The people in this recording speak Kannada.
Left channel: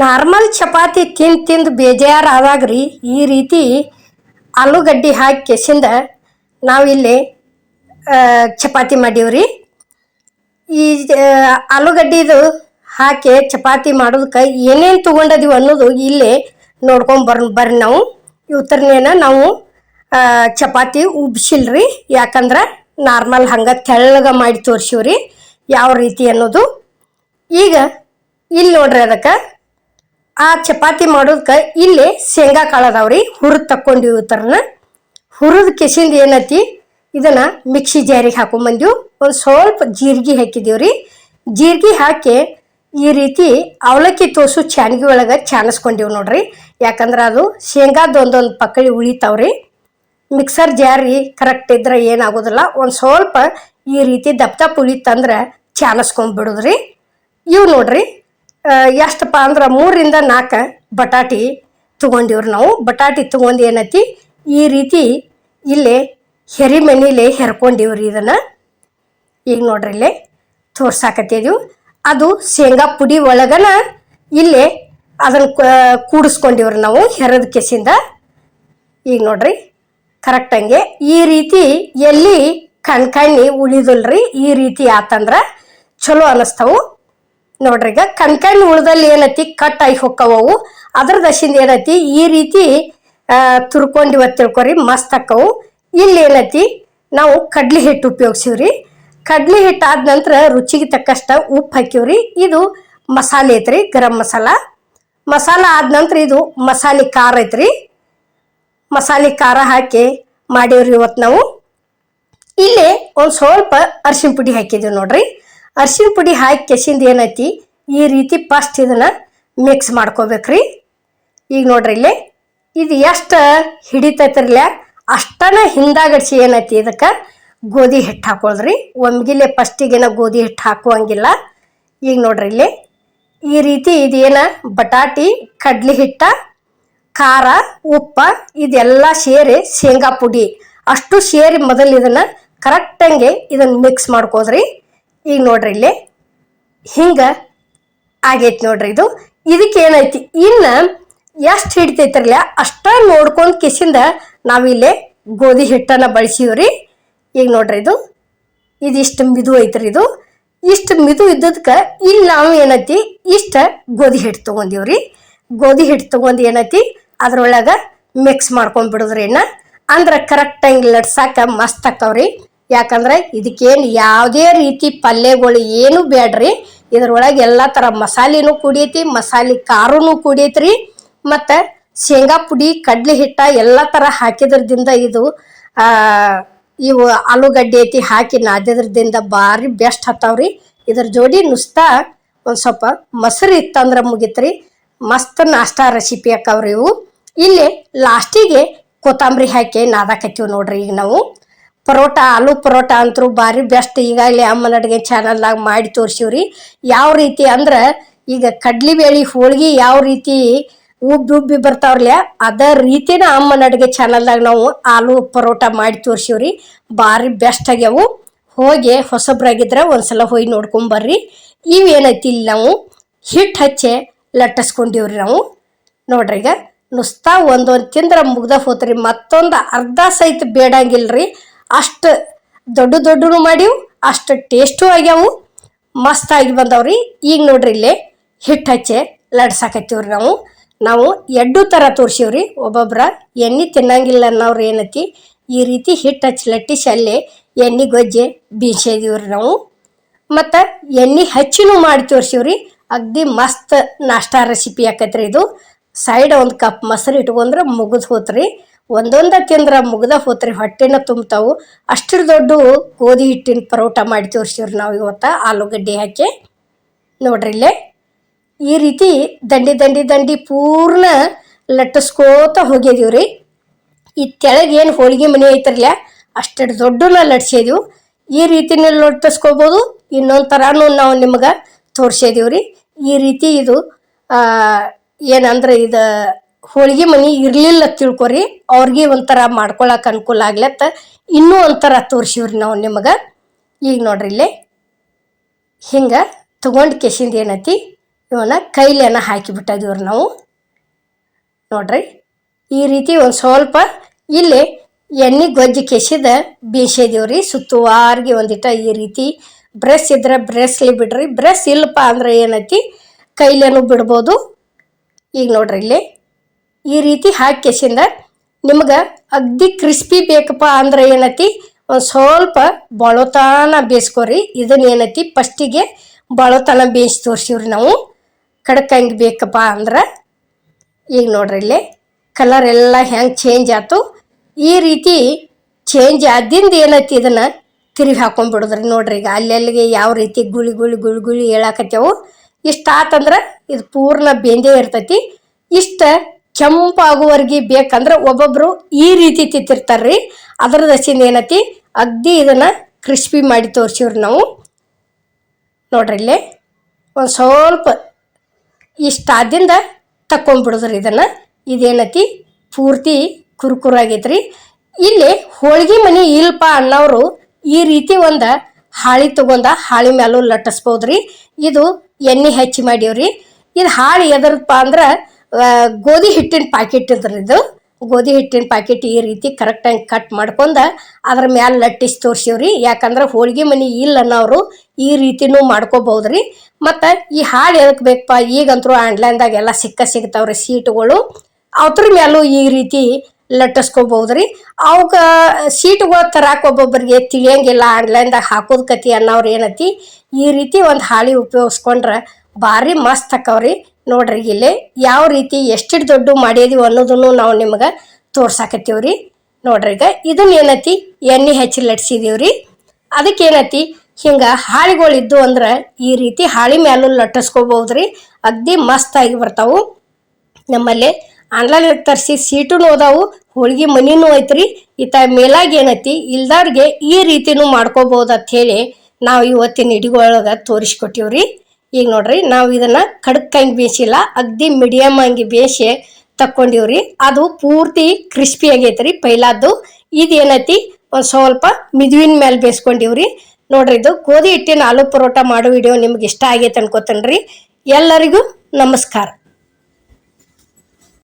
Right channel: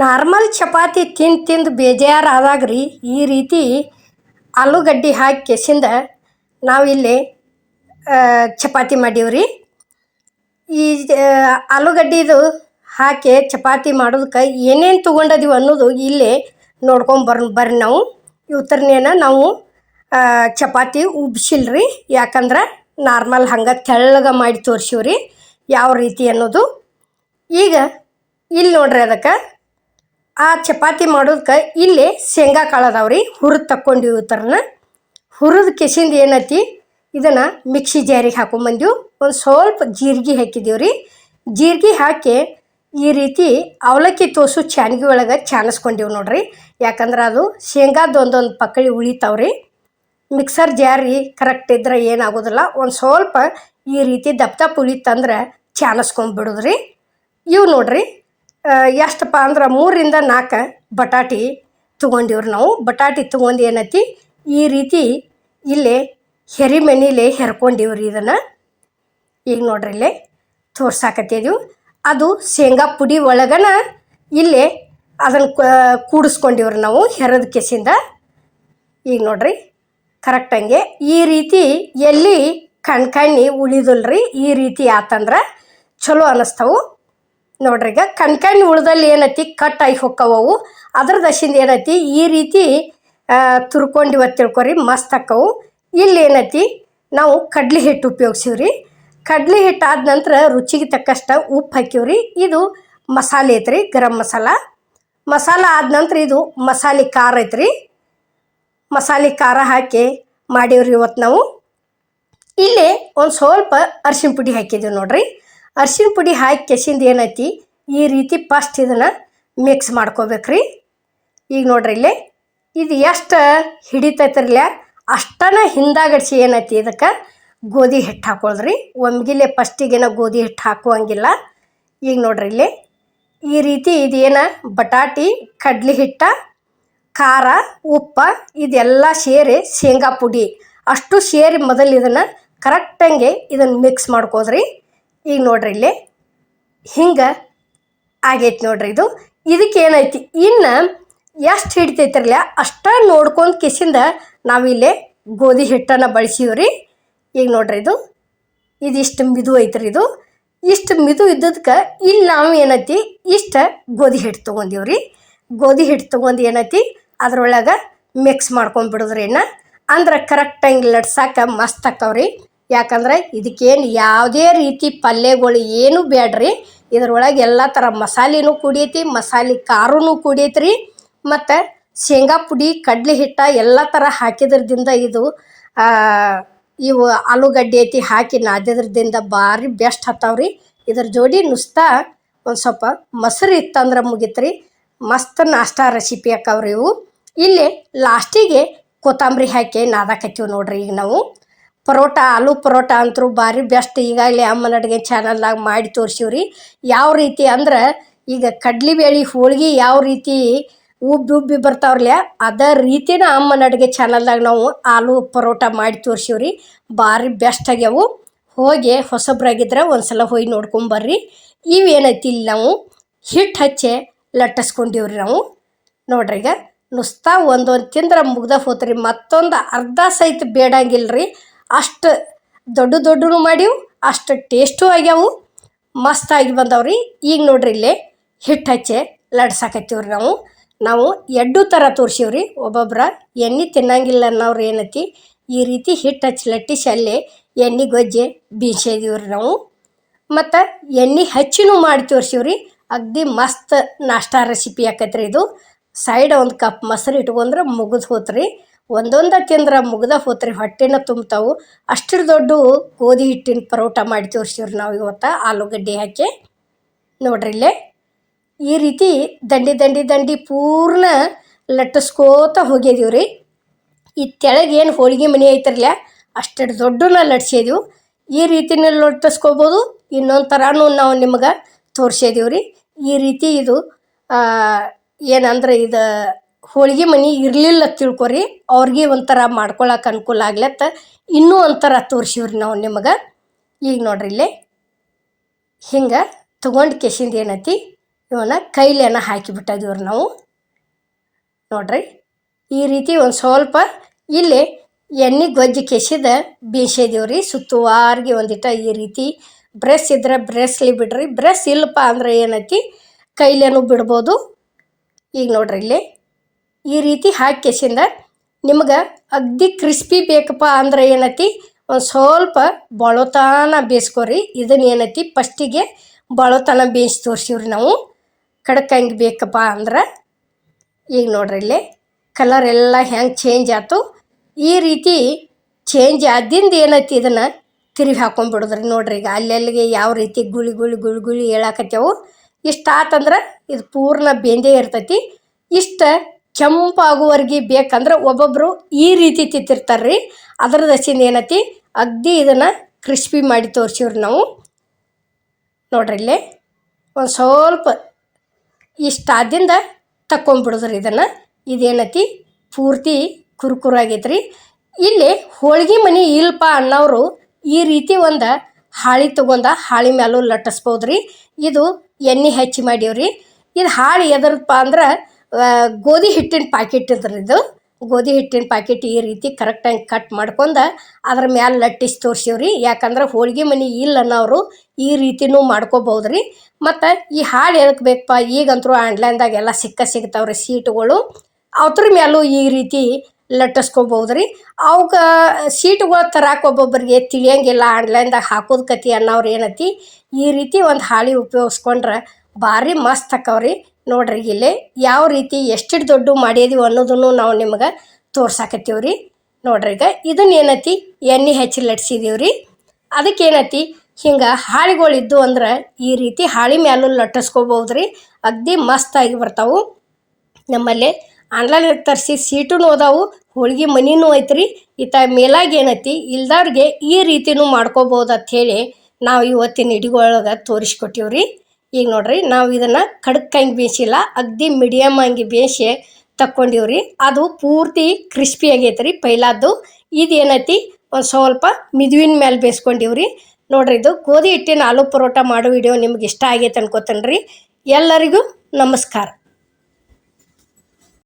ನಾರ್ಮಲ್ ಚಪಾತಿ ತಿಂದು ಬೇಜಾರಾದಾಗ್ರಿ ಈ ರೀತಿ ಆಲೂಗಡ್ಡೆ ಹಾಕಿ ಕೆಸಿಂದ ನಾವಿಲ್ಲಿ ಚಪಾತಿ ಮಾಡೀವ್ರಿ. ಈ ಆಲೂಗಡ್ಡಿದು ಹಾಕಿ ಚಪಾತಿ ಮಾಡೋದಕ್ಕೆ ಏನೇನು ತೊಗೊಂಡದೀವಿ ಅನ್ನೋದು ಇಲ್ಲಿ ನೋಡ್ಕೊಂಡು ಬರ್ರಿ ನಾವು. ಇವತ್ತರನೇನ ನಾವು ಚಪಾತಿ ಉಬ್ಸಿಲ್ರಿ, ಯಾಕಂದ್ರೆ ನಾರ್ಮಲ್ ಹಂಗೆ ತೆಳ್ಳಗೆ ಮಾಡಿ ತೋರಿಸಿವ್ರಿ ಯಾವ ರೀತಿ ಅನ್ನೋದು. ಈಗ ಇಲ್ಲಿ ನೋಡ್ರಿ, ಅದಕ್ಕೆ ಆ ಚಪಾತಿ ಮಾಡೋದಕ್ಕೆ ಇಲ್ಲಿ ಶೇಂಗಾ ಕಾಳು ಅದಾವ್ರಿ, ಹುರಿದು ತಕ್ಕೊಂಡಿವಿ. ಇವತ್ತರನ ಹುರಿದು ಕೆಸಿಂದ ಏನೈತಿ ಇದನ್ನು ಮಿಕ್ಸಿ ಜಾರಿಗೆ ಹಾಕೊಂಬಂದೀವಿ. ಒಂದು ಸ್ವಲ್ಪ ಜೀರಿಗೆ ಹಾಕಿದೀವ್ರಿ. ಜೀರಿಗೆ ಹಾಕಿ ಈ ರೀತಿ ಅವಲಕ್ಕಿ ತೋಸು ಚಾನ್ಗಿ ಒಳಗೆ ಚಾನಿಸ್ಕೊಂಡೀವಿ ನೋಡ್ರಿ. ಯಾಕಂದ್ರೆ ಅದು ಶೇಂಗಾದ ಒಂದೊಂದು ಪಕ್ಕಳಿ ಉಳಿತಾವ್ರಿ. ಮಿಕ್ಸರ್ ಜಾರಿ ಕರೆಕ್ಟ್ ಇದ್ರೆ ಏನಾಗೋದಿಲ್ಲ. ಒಂದು ಸ್ವಲ್ಪ ಈ ರೀತಿ ದಪ್ಪ ಉಳಿತಂದ್ರೆ ಚಾನಿಸ್ಕೊಂಡ್ಬಿಡೋದ್ರಿ. ಇವು ನೋಡ್ರಿ ಎಷ್ಟಪ್ಪ ಅಂದ್ರೆ 3ರಿಂದ 4 ಬಟಾಟಿ ತೊಗೊಂಡಿವ್ರಿ ನಾವು. ಬಟಾಟಿ ತೊಗೊಂಡು ಏನೈತಿ ಈ ರೀತಿ ಇಲ್ಲೇ ಮನೇಲೆ ಹೆರ್ಕೊಂಡಿವ್ರಿ. ಇದನ್ನು ಈಗ ನೋಡ್ರಿ ಇಲ್ಲೇ ತೋರ್ಸಾಕತ್ತಿದೀವಿ. ಅದು ಶೇಂಗಾ ಪುಡಿ ಒಳಗನ ಇಲ್ಲೇ ಅದನ್ನು ಕೂಡಿಸ್ಕೊಂಡಿವ್ರಿ ನಾವು ಹೆರದ ಕೆಸಿಂದ. ಈಗ ನೋಡ್ರಿ ಕರೆಕ್ಟಂಗೆ ಈ ರೀತಿ ಎಲ್ಲಿ ಕಣ್ಕಣ್ಣಿ ಉಳಿದಲ್ರಿ. ಈ ರೀತಿ ಆತಂದ್ರೆ ಚಲೋ ಅನ್ನಿಸ್ತಾವು ನೋಡ್ರಿ. ಈಗ ಕಣ್ಕಣ್ಣಿ ಉಳ್ದಲ್ಲಿ ಏನೈತಿ ಕಟ್ ಆಗಿ ಹೊಕ್ಕವು. ಅದ್ರ ದಶಿಂದ ಏನೈತಿ ಈ ರೀತಿ ತುರ್ಕೊಂಡಿವತ್ತು ತಿಳ್ಕೊರಿ, ಮಸ್ತ್ ಅಕ್ಕವು. ಇಲ್ಲಿ ಏನೈತಿ ನಾವು ಕಡ್ಲಿ ಹಿಟ್ಟು ಉಪಯೋಗಿಸಿವ್ರಿ. ಕಡ್ಲಿ ಹಿಟ್ಟು ಆದ ನಂತರ ರುಚಿಗೆ ತಕ್ಕಷ್ಟ ಉಪ್ಪು ಹಾಕಿವ್ರಿ. ಇದು ಮಸಾಲೆ ಐತ್ರಿ, ಗರಂ ಮಸಾಲ ಆದ ನಂತರ ಇದು ಮಸಾಲೆ ಖಾರ ಐತ್ರಿ. ಮಸಾಲೆ ಖಾರ ಹಾಕಿ ಮಾಡೀವ್ರಿ ಇವತ್ತು ನಾವು. ಇಲ್ಲಿ ಒಂದು ಸ್ವಲ್ಪ ಅರಿಶಿನ ಪುಡಿ ಹಾಕಿದ್ದೀವಿ ನೋಡ್ರಿ. ಅರಿಶಿನ ಪುಡಿ ಹಾಕಿ ಕೆಸಿಂದ ಏನೈತಿ ಈ ರೀತಿ ಫಸ್ಟ್ ಇದನ್ನು ಮಿಕ್ಸ್ ಮಾಡ್ಕೋಬೇಕ್ರಿ. ಈಗ ನೋಡ್ರಿ ಇಲ್ಲಿ ಇದು ಎಷ್ಟು ಹಿಡಿತೈತಿರ್ಲ ಅಷ್ಟನ ಹಿಂದಾಗಡಿಸಿ ಏನೈತಿ ಇದಕ್ಕೆ ಗೋಧಿ ಹಿಟ್ಟು ಹಾಕೊಳ್ರಿ. ಒಮ್ಗಿಲೆ ಫಸ್ಟಿಗೇನ ಗೋಧಿ ಹಿಟ್ಟು ಹಾಕುವಂಗಿಲ್ಲ. ಈಗ ನೋಡ್ರಿ ಇಲ್ಲಿ ಈ ರೀತಿ ಇದೇನ ಬಟಾಟಿ, ಕಡ್ಲಿ ಹಿಟ್ಟ, ಖಾರ, ಉಪ್ಪ ಇದೆಲ್ಲ ಸೇರಿ ಶೇಂಗಾ ಪುಡಿ ಅಷ್ಟು ಸೇರಿ ಮೊದಲು ಇದನ್ನು ಕರೆಕ್ಟಂಗೆ ಇದನ್ನು ಮಿಕ್ಸ್ ಮಾಡ್ಕೋದ್ರಿ. ಈಗ ನೋಡ್ರಿ ಇಲ್ಲಿ ಹಿಂಗೆ ಆಗೈತಿ ನೋಡ್ರಿ. ಇದಕ್ಕೆ ಏನೈತಿ ಇನ್ನು ಎಷ್ಟು ಹಿಡಿತೈತಿರಲ್ಲ ಅಷ್ಟ ನೋಡ್ಕೊಂಡು ಕಿಸಿಂದ ನಾವಿಲ್ಲೇ ಗೋಧಿ ಹಿಟ್ಟನ್ನು ಬಳಸೀವ್ರಿ. ಈಗ ನೋಡ್ರಿ ಇದಿಷ್ಟು ಮಿದು ಐತ್ರಿ. ಇಷ್ಟು ಮಿದು ಇದ್ದದಕ್ಕೆ ಇಲ್ಲಿ ನಾವು ಏನೈತಿ ಇಷ್ಟು ಗೋಧಿ ಹಿಟ್ಟು ತೊಗೊಂಡೀವ್ರಿ. ಗೋಧಿ ಹಿಟ್ಟು ತೊಗೊಂಡು ಏನೈತಿ ಅದ್ರೊಳಗೆ ಮಿಕ್ಸ್ ಮಾಡ್ಕೊಂಡ್ಬಿಡೋದ್ರಿ. ಅಂದ್ರೆ ಕರೆಕ್ಟಾಗಿ ಲಟ್ಸಾಕ ಮಸ್ತ್ ಆಕ್ಕವ್ರಿ. ಯಾಕಂದ್ರೆ ಇದಕ್ಕೇನು ಯಾವುದೇ ರೀತಿ ಪಲ್ಯಗಳು ಏನು ಬೇಡ್ರಿ. ಇದ್ರೊಳಗೆ ಎಲ್ಲ ಥರ ಮಸಾಲೆನೂ ಕುಡಿಯೈತಿ, ಮಸಾಲೆ ಖಾರನೂ ಕುಡಿಯೈತ್ರಿ, ಮತ್ತು ಶೇಂಗಾ ಪುಡಿ, ಕಡ್ಲಿ ಹಿಟ್ಟ ಎಲ್ಲ ಥರ ಹಾಕಿದ್ರದಿಂದ ಇವು ಆಲೂಗಡ್ಡೆ ಐತಿ ಹಾಕಿ ನಾದಿದ್ರದಿಂದ ಭಾರಿ ಬೆಸ್ಟ್ ಹತ್ತಾವ್ರಿ. ಇದ್ರ ಜೋಡಿ ನುಸ್ತಾ ಒಂದು ಸ್ವಲ್ಪ ಮೊಸರು ಇತ್ತಂದ್ರೆ ಮುಗಿತ್ರಿ. ಮಸ್ತ್ ನಾಷ್ಟಾ ರೆಸಿಪಿ ಹಾಕವ್ರಿ ಇವು. ಇಲ್ಲಿ ಲಾಸ್ಟಿಗೆ ಕೊತ್ತಂಬರಿ ಹಾಕಿ ನಾದಾಕತ್ತೀವಿ ನೋಡ್ರಿ. ಈಗ ನಾವು ಪರೋಟ, ಆಲೂ ಪರೋಟ ಅಂತರೂ ಭಾರಿ ಬೆಸ್ಟ್. ಈಗಾಗಲೇ ಅಮ್ಮನ ಅಡುಗೆ ಚಾನಲ್ದಾಗ ಮಾಡಿ ತೋರಿಸಿವ್ರಿ. ಯಾವ ರೀತಿ ಅಂದ್ರೆ ಈಗ ಕಡ್ಲಿಬೇಳೆ ಹೋಳ್ಗೆ ಯಾವ ರೀತಿ ಉಬ್ಬಿ ಬರ್ತಾವ್ರಲ್ಲ ಅದೇ ರೀತಿನ ಅಮ್ಮನ ಅಡುಗೆ ಚಾನಲ್ದಾಗ ನಾವು ಆಲೂ ಪರೋಟ ಮಾಡಿ ತೋರಿಸಿವ್ರಿ. ಭಾರಿ ಬೆಸ್ಟ್ ಆಗ್ಯಾವು. ಹೋಗಿ ಹೊಸಬ್ರಾಗಿದ್ರೆ ಒಂದ್ಸಲ ಹೋಗಿ ನೋಡ್ಕೊಂಬರ್ರಿ. ಇವೇನೈತಿ ಇಲ್ಲಿ ನಾವು ಹಿಟ್ಟು ಹಚ್ಚಿ ಲಟ್ಟಿಸ್ಕೊಂಡಿವ್ರಿ ನಾವು ನೋಡ್ರಿ. ಈಗ ನುಸ್ತಾ ಒಂದೊಂದು ತಿಂದ್ರೆ ಮುಗ್ದ ಹೋತ್ರಿ. ಮತ್ತೊಂದು ಅರ್ಧ ಸಹಿತ ಬೇಡಂಗಿಲ್ರಿ. ಅಷ್ಟು ದೊಡ್ಡನು ಮಾಡೀವು, ಅಷ್ಟು ಟೇಸ್ಟು ಆಗ್ಯಾವು, ಮಸ್ತಾಗಿ ಬಂದವ್ರಿ. ಈಗ ನೋಡ್ರಿ ಇಲ್ಲೇ ಹಿಟ್ಟು ಹಚ್ಚಿ ಲಡ್ಸಾಕತ್ತೀವ್ರಿ ನಾವು ಎರಡು ಥರ ತೋರಿಸಿವ್ರಿ. ಒಬ್ಬೊಬ್ರ ಎಣ್ಣೆ ತಿನ್ನಂಗಿಲ್ಲ ಅನ್ನೋರು ಏನೈತಿ ಈ ರೀತಿ ಹಿಟ್ಟು ಹಚ್ಚಿ ಲಟ್ಟಿಸಿ ಅಲ್ಲೇ ಎಣ್ಣೆ ಗೊಜ್ಜೆ ಬೀಸಿದೀವ್ರಿ ನಾವು. ಮತ್ತು ಎಣ್ಣೆ ಹಚ್ಚಿನೂ ಮಾಡಿ ತೋರಿಸಿವ್ರಿ. ಅಗ್ದಿ ಮಸ್ತ್ ನಾಷ್ಟಾ ರೆಸಿಪಿ ಆಕೈತ್ರಿ. ಸೈಡ್ ಒಂದು ಕಪ್ ಮೊಸರು ಇಟ್ಕೊಂಡ್ರೆ ಮುಗಿದು ಹೋತ್ರಿ. ಒಂದೊಂದ ತಿಂದ್ರೆ ಮುಗ್ದ ಹೋತ್ರಿ, ಹೊಟ್ಟೆನ ತುಂಬ್ತಾವು. ಅಷ್ಟು ದೊಡ್ಡ ಗೋಧಿ ಹಿಟ್ಟಿನ ಪರೋಟ ಮಾಡಿ ತೋರಿಸಿವ್ರಿ ನಾವು ಇವತ್ತು ಆಲೂಗಡ್ಡೆ ಹಾಕಿ ನೋಡ್ರಿ. ಇಲ್ಲೇ ಈ ರೀತಿ ದಂಡಿ ಪೂರ್ಣ ಲಟ್ಟಿಸ್ಕೋತ ಹೋಗಿದೀವ್ರಿ. ಈ ತೆಳಗೆ ಏನು ಹೋಳಿಗೆ ಮನೆ ಐತಿರಲ್ಲ ಅಷ್ಟು ದೊಡ್ಡನ ಲಟ್ಸಿದೀವಿ. ಈ ರೀತಿನ ಲಟ್ಟಿಸ್ಕೋಬೋದು. ಇನ್ನೊಂದು ಥರನೂ ನಾವು ನಿಮ್ಗೆ ತೋರಿಸಿದೀವ್ರಿ. ಈ ರೀತಿ ಏನಂದ್ರೆ ಹೋಳಿಗೆ ಮನೆ ಇರಲಿಲ್ಲ ತಿಳ್ಕೊರಿ, ಅವ್ರಿಗೆ ಒಂಥರ ಮಾಡ್ಕೊಳಕ್ಕೆ ಅನುಕೂಲ ಆಗ್ಲತ್ತ ಇನ್ನೂ ಒಂಥರ ತೋರಿಸಿವ್ರಿ ನಾವು ನಿಮಗೆ. ಈಗ ನೋಡ್ರಿ ಇಲ್ಲೇ ಹಿಂಗೆ ತೊಗೊಂಡು ಕೆಸಿಂದ ಏನೈತಿ ಇವನ್ನ ಕೈಲೇನ ಹಾಕಿಬಿಟ್ಟಿದ್ದೀವ್ರಿ ನಾವು ನೋಡ್ರಿ. ಈ ರೀತಿ ಒಂದು ಸ್ವಲ್ಪ ಇಲ್ಲಿ ಎಣ್ಣೆ ಗೊಜ್ಜಿ ಕೆಸಿದ ಬೀಸಿದೀವ್ರಿ. ಸುತ್ತುವಾರಿಗೆ ಒಂದಿಟ ಈ ರೀತಿ ಬ್ರಷ್ ಇದ್ರೆ ಬ್ರಷ್ಲಿ ಬಿಡ್ರಿ, ಬ್ರಷ್ ಇಲ್ಲಪ್ಪ ಅಂದ್ರೆ ಏನೈತಿ ಕೈಲೇನು ಬಿಡ್ಬೋದು. ಈಗ ನೋಡ್ರಿ ಇಲ್ಲಿ ಈ ರೀತಿ ಹಾಕಿ ಕೆಸಿಂದ ನಿಮ್ಗೆ ಅಗ್ದಿ ಕ್ರಿಸ್ಪಿ ಬೇಕಪ್ಪ ಅಂದ್ರೆ ಏನೈತಿ ಒಂದು ಸ್ವಲ್ಪ ಬಳೋತನ ಬೇಯಿಸ್ಕೊರಿ. ಇದನ್ನ ಏನೈತಿ ಫಸ್ಟಿಗೆ ಬಳೋತನ ಬೇಯಿಸಿ ತೋರಿಸಿವ್ರಿ ನಾವು. ಕಡಕಂಗೆ ಬೇಕಪ್ಪ ಅಂದ್ರೆ ಈಗ ನೋಡ್ರಿ ಇಲ್ಲಿ ಕಲರ್ ಎಲ್ಲ ಹೆಂಗೆ ಚೇಂಜ್ ಆಯ್ತು. ಈ ರೀತಿ ಚೇಂಜ್ ಆದಿಂದ ಏನೈತಿ ಇದನ್ನು ತಿರುಗಿ ಹಾಕೊಂಡ್ಬಿಡೋದ್ರಿ. ನೋಡ್ರಿ ಈಗ ಅಲ್ಲೆಲ್ಲಿಗೆ ಯಾವ ರೀತಿ ಗುಳಿ ಗುಳಿ ಗುಳಿ ಗುಳಿ ಹೇಳಾಕತ್ತೇವು. ಇಷ್ಟ ಆತಂದ್ರೆ ಇದು ಪೂರ್ಣ ಬೆಂದೇ ಇರ್ತೈತಿ. ಇಷ್ಟ ಕೆಂಪಾಗುವರೆಗೆ ಬೇಕಂದ್ರೆ ಒಬ್ಬೊಬ್ಬರು ಈ ರೀತಿ ತಿಂತಿರ್ತಾರ್ರಿ. ಅದ್ರ ದಸಿಂದ ಏನೈತಿ ಅಗ್ದಿ ಇದನ್ನು ಕ್ರಿಸ್ಪಿ ಮಾಡಿ ತೋರಿಸಿವ್ರಿ ನಾವು. ನೋಡ್ರಿ ಇಲ್ಲಿ ಒಂದು ಸ್ವಲ್ಪ ಇಷ್ಟ ಆದಿಂದ ತಕ್ಕೊಂಡ್ಬಿಡೋದ್ರಿ ಇದನ್ನು. ಇದೇನೈತಿ ಪೂರ್ತಿ ಕುರ್ಕುರಾಗೈತ್ರಿ. ಇಲ್ಲಿ ಹೋಳಿಗೆ ಮನೆ ಇಲ್ಪ ಅನ್ನೋರು ಈ ರೀತಿ ಒಂದು ಹಾಳಿ ತೊಗೊಂಡ ಹಾಳಿ ಮೇಲೂ ಲಟ್ಟಿಸ್ಬೋದ್ರಿ. ಇದು ಎಣ್ಣೆ ಹಚ್ಚಿ ಮಾಡೀವ್ರಿ. ಇದು ಹಾಳಿ ಎದರಪ್ಪ ಅಂದ್ರೆ ಗೋಧಿ ಹಿಟ್ಟಿನ ಪ್ಯಾಕೆಟ್ ಇದ್ರಿ. ಇದು ಗೋಧಿ ಹಿಟ್ಟಿನ ಪ್ಯಾಕೆಟ್ ಈ ರೀತಿ ಕರೆಕ್ಟಾಗಿ ಕಟ್ ಮಾಡ್ಕೊಂಡು ಅದ್ರ ಮ್ಯಾಲೆ ಲಟ್ಟಿಸಿ ತೋರಿಸಿವ್ರಿ. ಯಾಕಂದ್ರೆ ಹೋಳಿಗೆ ಮನೆ ಇಲ್ಲ ಅನ್ನೋರು ಈ ರೀತಿನೂ ಮಾಡ್ಕೋಬಹುದ್ರಿ. ಮತ್ತು ಈ ಹಾಳು ಎದಕ್ಕೆ ಬೇಕಪ್ಪ, ಈಗಂತರೂ ಆನ್ಲೈನ್ದಾಗ ಎಲ್ಲ ಸಿಗ್ತಾವ್ರಿ ಸೀಟುಗಳು. ಅದ್ರ ಮೇಲೂ ಈ ರೀತಿ ಲಟ್ಟಿಸ್ಕೋಬಹುದ್ರಿ. ಅವಕ್ಕೆ ಸೀಟುಗಳು ತರಾಕ ಒಬ್ಬೊಬ್ಬರಿಗೆ ತಿಳಿಯಂಗಿಲ್ಲ, ಆನ್ಲೈನ್ದಾಗ ಹಾಕೋದು ಕತಿ ಅನ್ನೋರು ಏನೈತಿ ಈ ರೀತಿ ಒಂದು ಹಾಳಿ ಉಪಯೋಗಿಸ್ಕೊಂಡ್ರೆ ಭಾರಿ ಮಸ್ತ್ ಆಕವ್ರಿ. ನೋಡ್ರಿ ಇಲ್ಲಿ ಯಾವ ರೀತಿ ಎಷ್ಟು ದೊಡ್ಡ ಮಾಡಿದೀವಿ ಅನ್ನೋದನ್ನು ನಾವು ನಿಮ್ಗೆ ತೋರ್ಸಾಕತ್ತೀವ್ರಿ. ನೋಡ್ರಿ ಈಗ ಇದನ್ನ ಏನೈತಿ ಎಣ್ಣೆ ಹಚ್ಚಿ ಲಟ್ಸಿದೀವ್ರಿ. ಅದಕ್ಕೇನೈತಿ ಹಿಂಗೆ ಹಾಳಿಗಳಿದ್ದು ಅಂದ್ರೆ ಈ ರೀತಿ ಹಾಳಿ ಮ್ಯಾಲೂ ಲಟ್ಟಿಸ್ಕೋಬಹುದ್ರಿ. ಅಗ್ದಿ ಮಸ್ತಾಗಿ ಬರ್ತಾವು. ನಮ್ಮಲ್ಲಿ ಆನ್ಲೈನ್ ತರಿಸಿ ಸೀಟೂ ಅದಾವು, ಹೋಳಿಗೆ ಮನಿನೂ ಐತ್ರಿ. ಈತ ಮೇಲಾಗಿ ಏನೈತಿ ಇಲ್ದವ್ರಿಗೆ ಈ ರೀತಿನೂ ಮಾಡ್ಕೋಬಹುದು ಅಂತ ಹೇಳಿ ನಾವು ಇವತ್ತಿನ ಹಿಡಿಗೊಳಗೆ ತೋರಿಸ್ಕೊಟ್ಟಿವ್ರಿ. ಈಗ ನೋಡ್ರಿ ನಾವು ಇದನ್ನು ಕಡಕ್ಕಂಗೆ ಬೇಯಿಸಿಲ್ಲ, ಅಗ್ದಿ ಮೀಡಿಯಮ್ ಹಂಗೆ ಬೇಯಿಸಿ ತಕ್ಕೊಂಡಿವ್ರಿ. ಅದು ಪೂರ್ತಿ ಕ್ರಿಸ್ಪಿ ಆಗೈತ್ರಿ ಪೈಲಾದ್ದು. ಇದೇನೈತಿ ಒಂದು ಸ್ವಲ್ಪ ಮಿದುವಿನ ಮೇಲೆ ಬೇಯಿಸ್ಕೊಂಡಿವ್ರಿ. ನೋಡ್ರಿ ಇದು ಗೋಧಿ ಹಿಟ್ಟಿನ ಆಲೂ ಪರೋಟ ಮಾಡೋ ವಿಡಿಯೋ ನಿಮ್ಗೆ ಇಷ್ಟ ಆಗೈತೆ ಅನ್ಕೋತೇನ್ರಿ. ಎಲ್ಲರಿಗೂ ನಮಸ್ಕಾರ.